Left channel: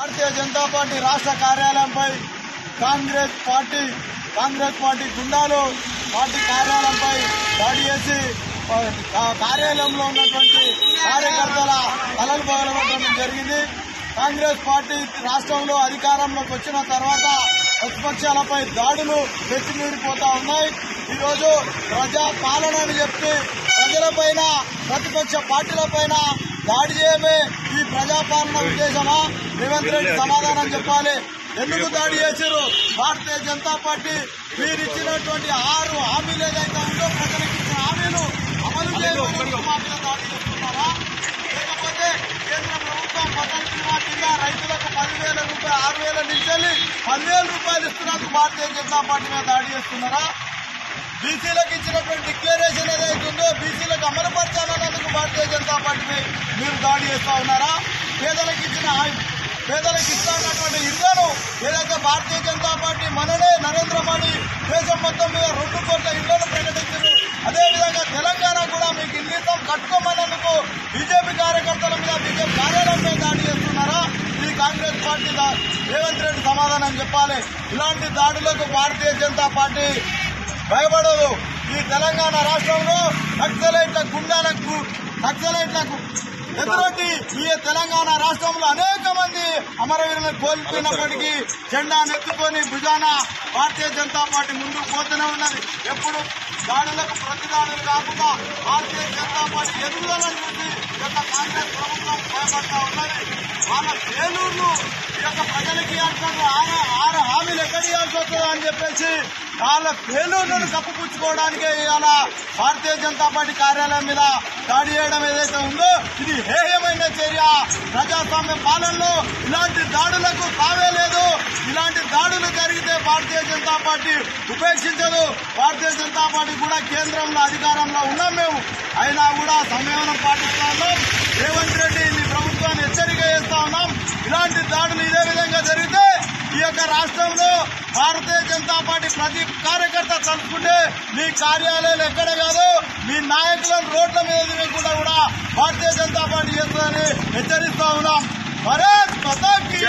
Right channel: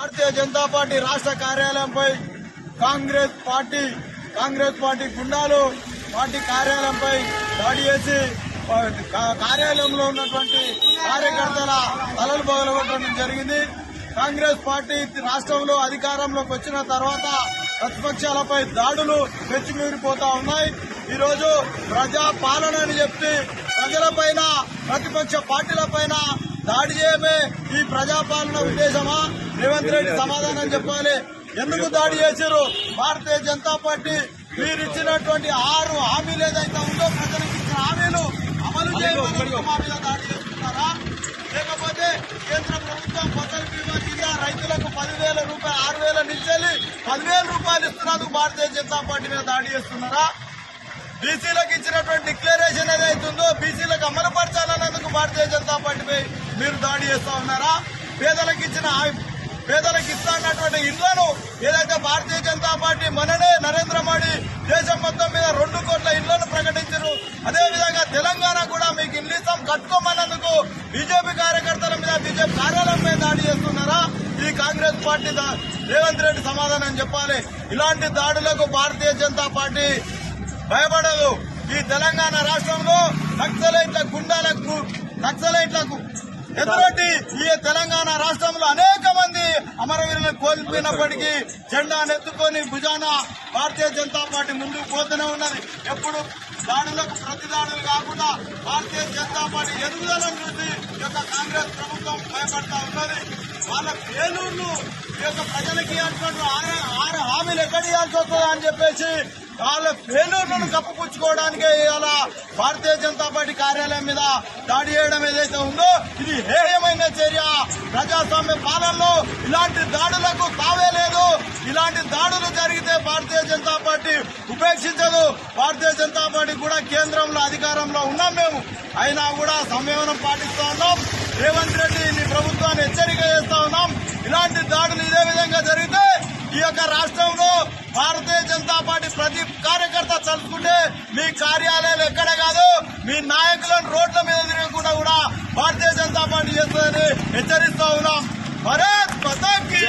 Bharatiya Janata party రాష్ట్ర కార్యాలయంపై Congress party గుండాలు party కార్యాలయంపై దాడి చేసి కార్యాలయంలో ఉన్నటువంటి కార్యకర్తల తలలు పగలగొట్టడం జరిగింది. కాంగ్రెస్ పార్టీ రాష్ట్రంలో అధికారంలోకి వచ్చిన తర్వాత ప్రతిపక్షాలపై దాడులు ఎత్తిమీరిపోతా ఉన్నాయి. ఈరోజు ప్రజా పాలన అని చెప్పి ప్రజలపైన ప్రతిపక్ష పార్టీలపైన దాడి చేయమే ఈ ప్రజాపాలన ఉద్దేశమా? రేవంత్ రెడ్డి సమాధానం చెప్పాలి. ఎందుకు దాడి చేశారు? భారతీయ జనతా పార్టీ మీరిచ్చినటువంటి 6 హామీలు ఏదైతే ఉందో ప్రజలకు ఇచ్చిన హామీలు అమలు చేయమని మా మీద దాడి చేస్తున్నారా? లేకపోతే కేంద్ర ప్రభుత్వం ఫసల్ బీమా కింద రైతులకు 10,000 రూపాయలు 6,000 నుంచి 10,000 రూపాయలు ఇస్తున్నందుకు భారతీయ జనతా పార్టీ మీద దాడి చేస్తున్నారా? బీసీలకు ఇచ్చినటువంటి డిక్లరేషన్ ఏదైతుందో బీసీలకు అమలుపరచాలన్నందుకు భారతీయ జనతా పార్టీపై మీరు దాడి చేస్తా ఉన్నారా? పేదలకు ఇస్తున్నటువంటి ఇళ్లను ఏదైతే భారతీయ జనతా పార్టీ మననే నరేంద్ర మోడీ దేశం మొత్తం మీద 2 కోట్ల ఇళ్లను ప్రకటించారు. అదేవిధంగా తెలంగాణ కూడా మీకు ఇల్లు ఇస్తాం కట్టుకోమన్నందుకు బీజేపీ కార్యకర్తల మీద బీజేపీ కార్యాలయంపై దాడి చేస్తున్నారా? ఈ కాంగ్రెస్ పార్టీ రేవంత్ రెడ్డి సమాధానం చెప్పాలి. ఇలాంటి దాడులకు భారతీయ జనతా పార్టీ భయపడదు. ఈ తెలంగాణ రాష్ట్రంలో నక్సలైట్లకు ఎదురొట్టి ఈ తెలంగాణ రాష్ట్రంలో అనేక మంది అమరవీరులను కోల్పోయినప్పటికీ జెండా నెత్తుకొని భుజాన భారతీయ జనతా పార్టీ ముందుకు పోతూనే ఉన్నది. ఎప్పుడు దాడులకు ప్రతిదాడులు కాకుండా భారతీయ జనతా పార్టీ ఎదుగుదలను చూసి కాంగ్రెస్ ప్రభుత్వం భయపడతా ఉన్నది. వాళ్ళ ఏలూరును ఈ యొక్క ప్రజలకి ఇవ్వాల్సిన 6 హామీలు ఎక్కడ ఇవ్వాల్సి వస్తుందో అని చెప్పేసి వాళ్ళ ఫెయిల్యూర్లను కప్పుపుచ్చుకోవడానికి ఇవాళ భారతీయ జనతా పార్టీ కార్యాలయం మీద దాడి చేయడం ఏదైతే ఉందో ఇది హేయమైన చర్య. ప్రజాస్వామ్య పాలనలో ఇలాంటి దాడులకు తావే లేదు. ఇలాంటి దాడులు జరిగితే భారతీయ జనతా పార్టీ ఉపేక్షించదు. భారతీయ జనతా పార్టీ కూడా కేంద్రంలో అధికారంలో ఉన్నాం మేము. అయినా కూడా సంయమనం పాటిస్తా ఉన్నాం. రేవంత్ రెడ్డి మీ ప్రభుత్వాన్ని హెచ్చరిక చేస్తా ఉన్నాం. ఇలాంటి దాడులు ఇదే విధంగా జరిగితే ఈ యొక్క రాష్ట్రంలో భారతీయ జనతా పార్టీ ప్రతి కార్యకర్త తలుచుకుంటే మీ కార్యాలయాలు ఎక్కడ కాదు మీ నాయకులను రోడ్ల మీద తిరగకుండా కూడా భారతీయ జనతా పార్టీ చేస్తుందని హెచ్చరిస్తా ఉన్నాం. భారత్ మాతా కీ